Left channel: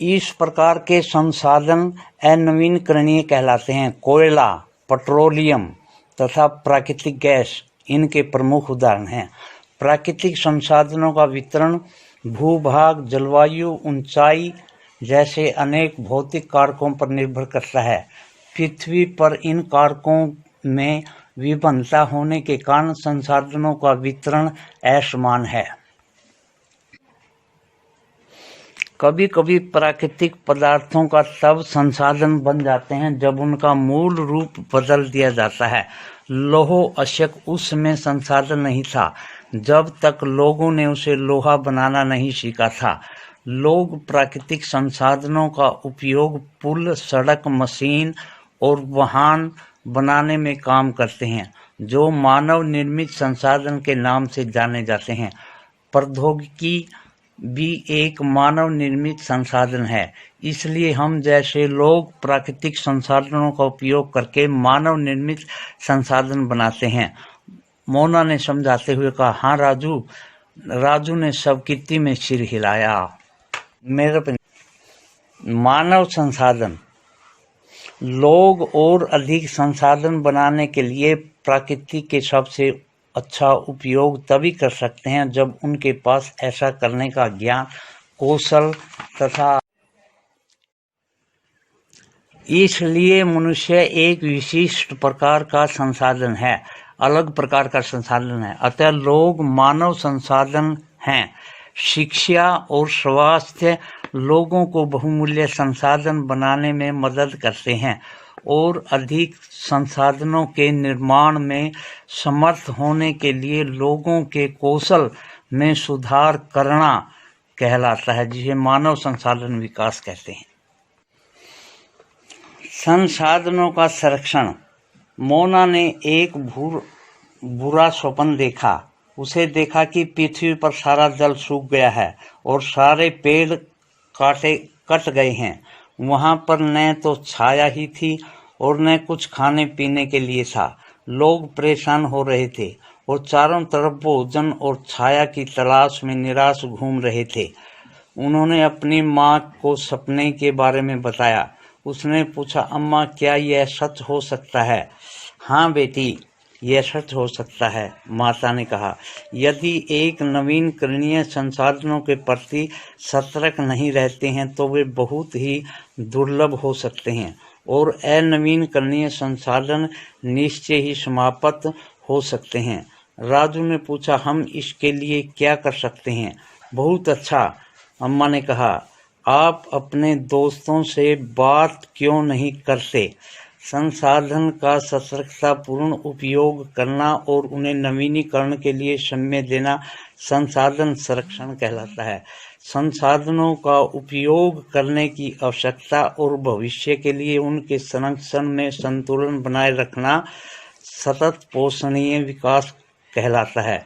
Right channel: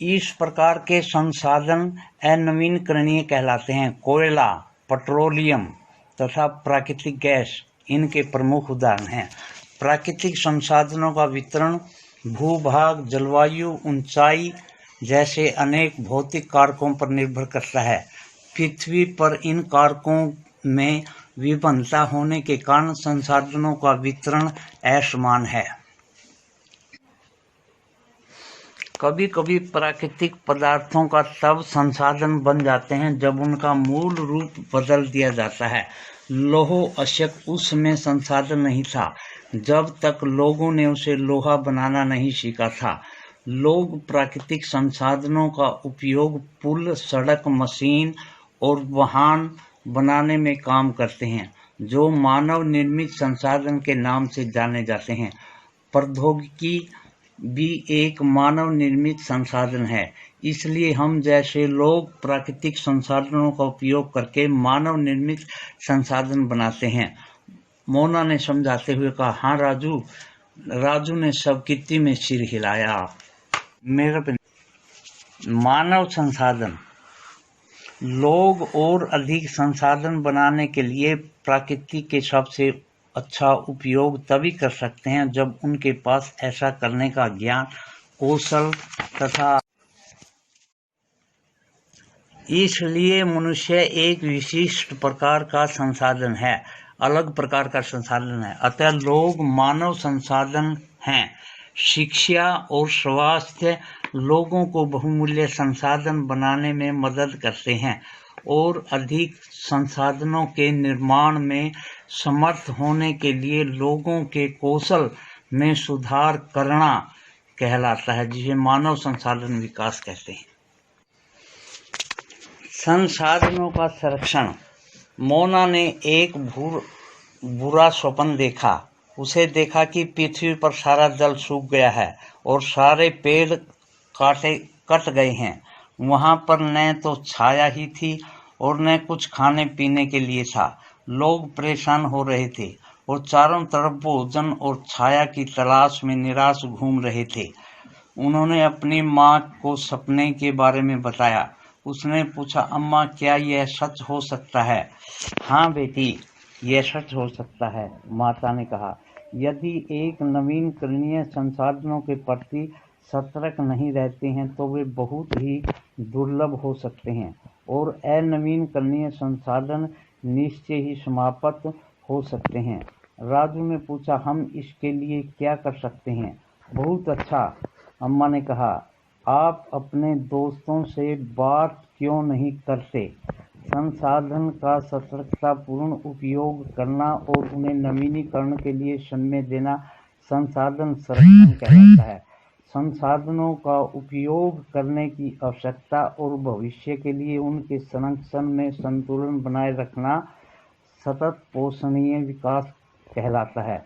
इस प्रकार के संसाधन अनवीनकरणीय कहलाते हैं। कोयला, पेट्रोलियम तथा प्राकृतिक गैस इनके प्रमुख उदाहरण हैं। प्राकृतिक संसाधनों का वितरण भूभाग, जलवायु, ऊंचाई जैसे अनेक भौतिक कारकों पर निर्भर करता है। पृथ्वी पर इन कारकों में विभिन्नता होने के कारण संसाधनों का वितरण असमान है। कभी कभी प्राकृतिक पदार्थों का तब संसाधन बन जाते हैं जब उनका मूल रूप बदल दिया जाता है। लौह अयस्क उस समय संसाधन नहीं था जब तक लोगों ने उसे लोहा बनाना नहीं सीखा था। लोग प्राकृतिक संसाधनों का उपयोग पुल, सड़क, मशीन और वाहन बनाने में काम करते हैं, जो मानव निर्मित संसाधन के नाम से जाने जाते हैं। प्रौद्योगिकी भी एक मानव निर्मित संसाधन है, इसलिए हम जैसे लोग प्राकृतिक संसाधनों का उपयोग करके मानव निर्मित संसाधन बनाते हैं। मोना ने समझाते हुए कहा, हाँ राजू। राजू ने स्वीकृति में सिर हिलाया। मानव संसाधन। लोग और अधिक संसाधन बनाने के लिए प्रकृति के सबसे अच्छा उपयोग तभी कर सकते हैं जब उनके पास ऐसा करने का ज्ञान, कौशल तथा इसलिए मनुष्य एक विशिष्ट प्रकार का संसाधन है, अलग प्रकार का संसाधन है। अतः लोग मानव संसाधन हैं। शिक्षा और स्वास्थ्य लोगों को बहुमूल्य संसाधन बनाने में मदद करते हैं और अधिक संसाधनों के निर्माण में समर्थ होने के लिए लोगों के कौशल में सुधार करना कहलाता है, जिसे मानव संसाधन विकास कहते हैं। संसाधनों का संरक्षण। मोना ने एक बुरा स्वप्न देखा। उसे देखा कि पृथ्वी पर सारा जल सूख गया है और सारे पेड़ कट गए हैं। वहां पर न तो छाया ही थी और न कुछ खाने पीने के लिए था। लोग परेशान हो रहे थे और चारों तरफ भोजन और छाया की तलाश में निराश घूम रहे थे। उन्होंने अपनी माँ को सपने के बारे में बताया। उसने पूछा, अम्मा, क्या यह सच हो सकता है? हाँ बेटी, यह सच हो सकता है, माता ने कहा। यदि एक नवीनकरणीय संसाधनों के प्रति सतर्क नहीं रहते हैं तो वे बहुत ही दुर्लभ हो सकते हैं और अनवीनकरणीय संसाधन निश्चय ही समाप्त हो सकते हैं। राजू ने पूछा, हम इसके लिए क्या कर सकते हैं? बहुत अच्छा, अम्मा ने कहा। आप अपने दोस्तों से बात क्यों नहीं करते? संसाधन का सतर्कतापूर्ण उपयोग करना और उन्हें नवीनीकरण के लिए समय देना संसाधन संरक्षण कहलाता है। संसाधनों का उपयोग करने की आवश्यकता और भविष्य के लिए उनके संरक्षण में संतुलन बनाए रखना सतत पोषणीय विकास कहलाता है।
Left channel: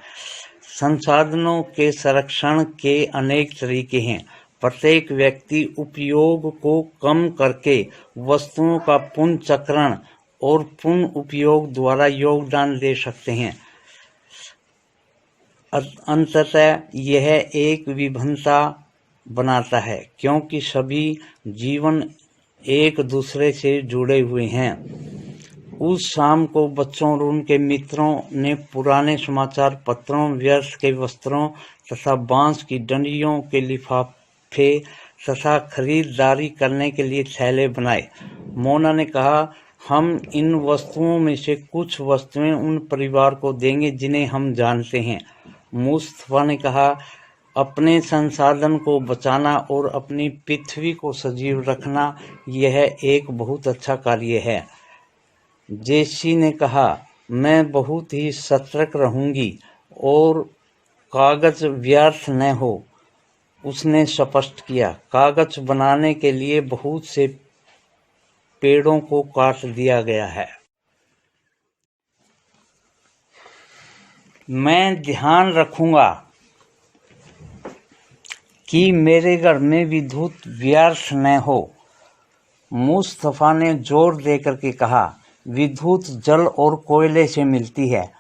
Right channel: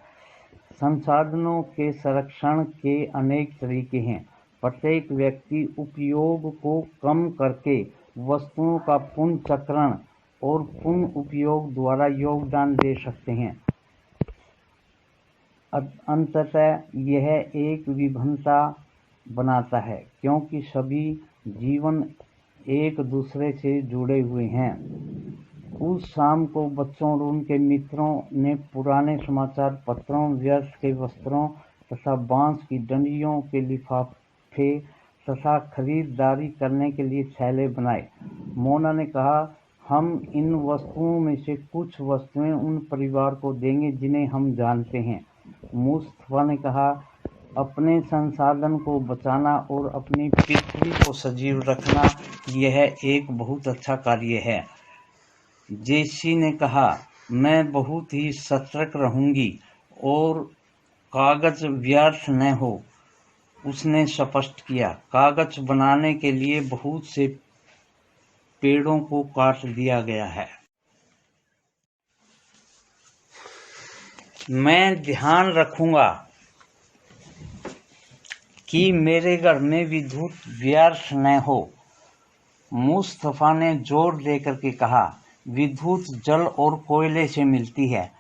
संसाधनों के संरक्षण के अनेक तरीके हैं। प्रत्येक व्यक्ति उपयोग को कम करके वस्तुओं का पुनर्चक्रण और पुनः उपयोग द्वारा योगदान दे सकते हैं। अंततः यह एक विभिन्नता बनाता है, क्योंकि सभी जीवन एक दूसरे से जुड़े हुए हैं। उस शाम को बच्चों और उनके मित्रों ने पुराने समाचार पत्रों, व्यर्थ के वस्त्रों तथा बांस की डंडियों के लिफाफे तथा खरीदारी करने के लिए थैले बनाए। मोना ने कहा, हम इन वस्तुओं में से कुछ वस्तुएं उन परिवार को देंगे जिन्हें हम जानते हैं। मुस्तफा ने कहा, अपने संसाधन को बचाना और अपनी पृथ्वी को सजीव रखना यह एक बहुत अच्छा कार्य है। जेसी ने कहा, मैं बहुत ही सतर्क रहूंगी और कागज व्यर्थ न हो। उसने स्पष्ट किया, कागज बनाने के लिए बहुत से पेड़ों को काट दिया गया है। मैं ध्यान रखूंगा कि मेरे घर में विद्युत व्यर्थ न हो। मुस्तफा ने जोर देकर के कहा, विद्युत जल और कोयले से मिलती है।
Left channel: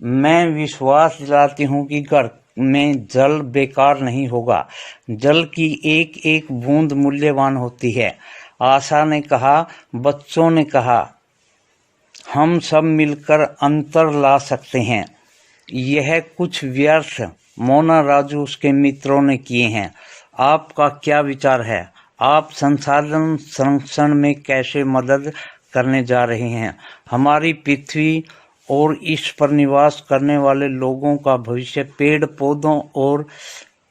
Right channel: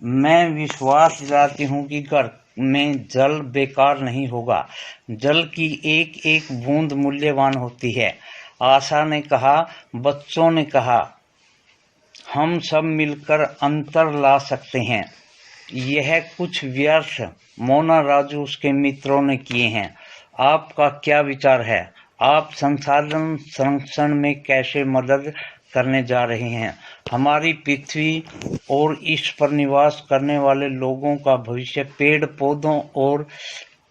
मैं विश्वास दिलाती हूँ कि घर में जल बेकार नहीं होगा। जल की एक एक बूंद मूल्यवान होती है। आशा ने कहा, बच्चों ने कहा, हम सब मिलकर अंतर ला सकते हैं। यह कुछ व्यर्थ मोना राजू उसके मित्रों ने किए हैं। आपका क्या विचार है? आप संसाधन संरक्षण में कैसे मदद करने जा रहे हैं? हमारी पृथ्वी और इस पर निवास करने वाले लोगों का भविष्य पेड़ पौधों और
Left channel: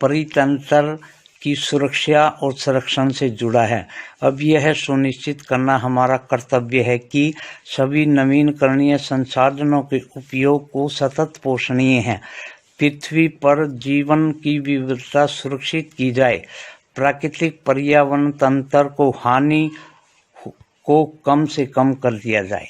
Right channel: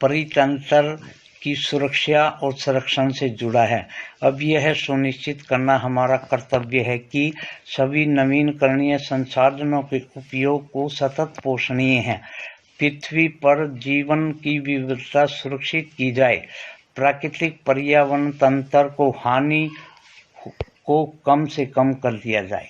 परितंत्र की सुरक्षा और संरक्षण से जुड़ा है। अब यह सुनिश्चित करना हमारा कर्तव्य है कि सभी नवीनकरणीय संसाधनों के उपयोग को सतत पोषणीय है। पृथ्वी पर जीवन की विविधता सुरक्षित की जाए, प्राकृतिक पर्यावरण तंत्र को हानि को कम से कम कर दिया जाए।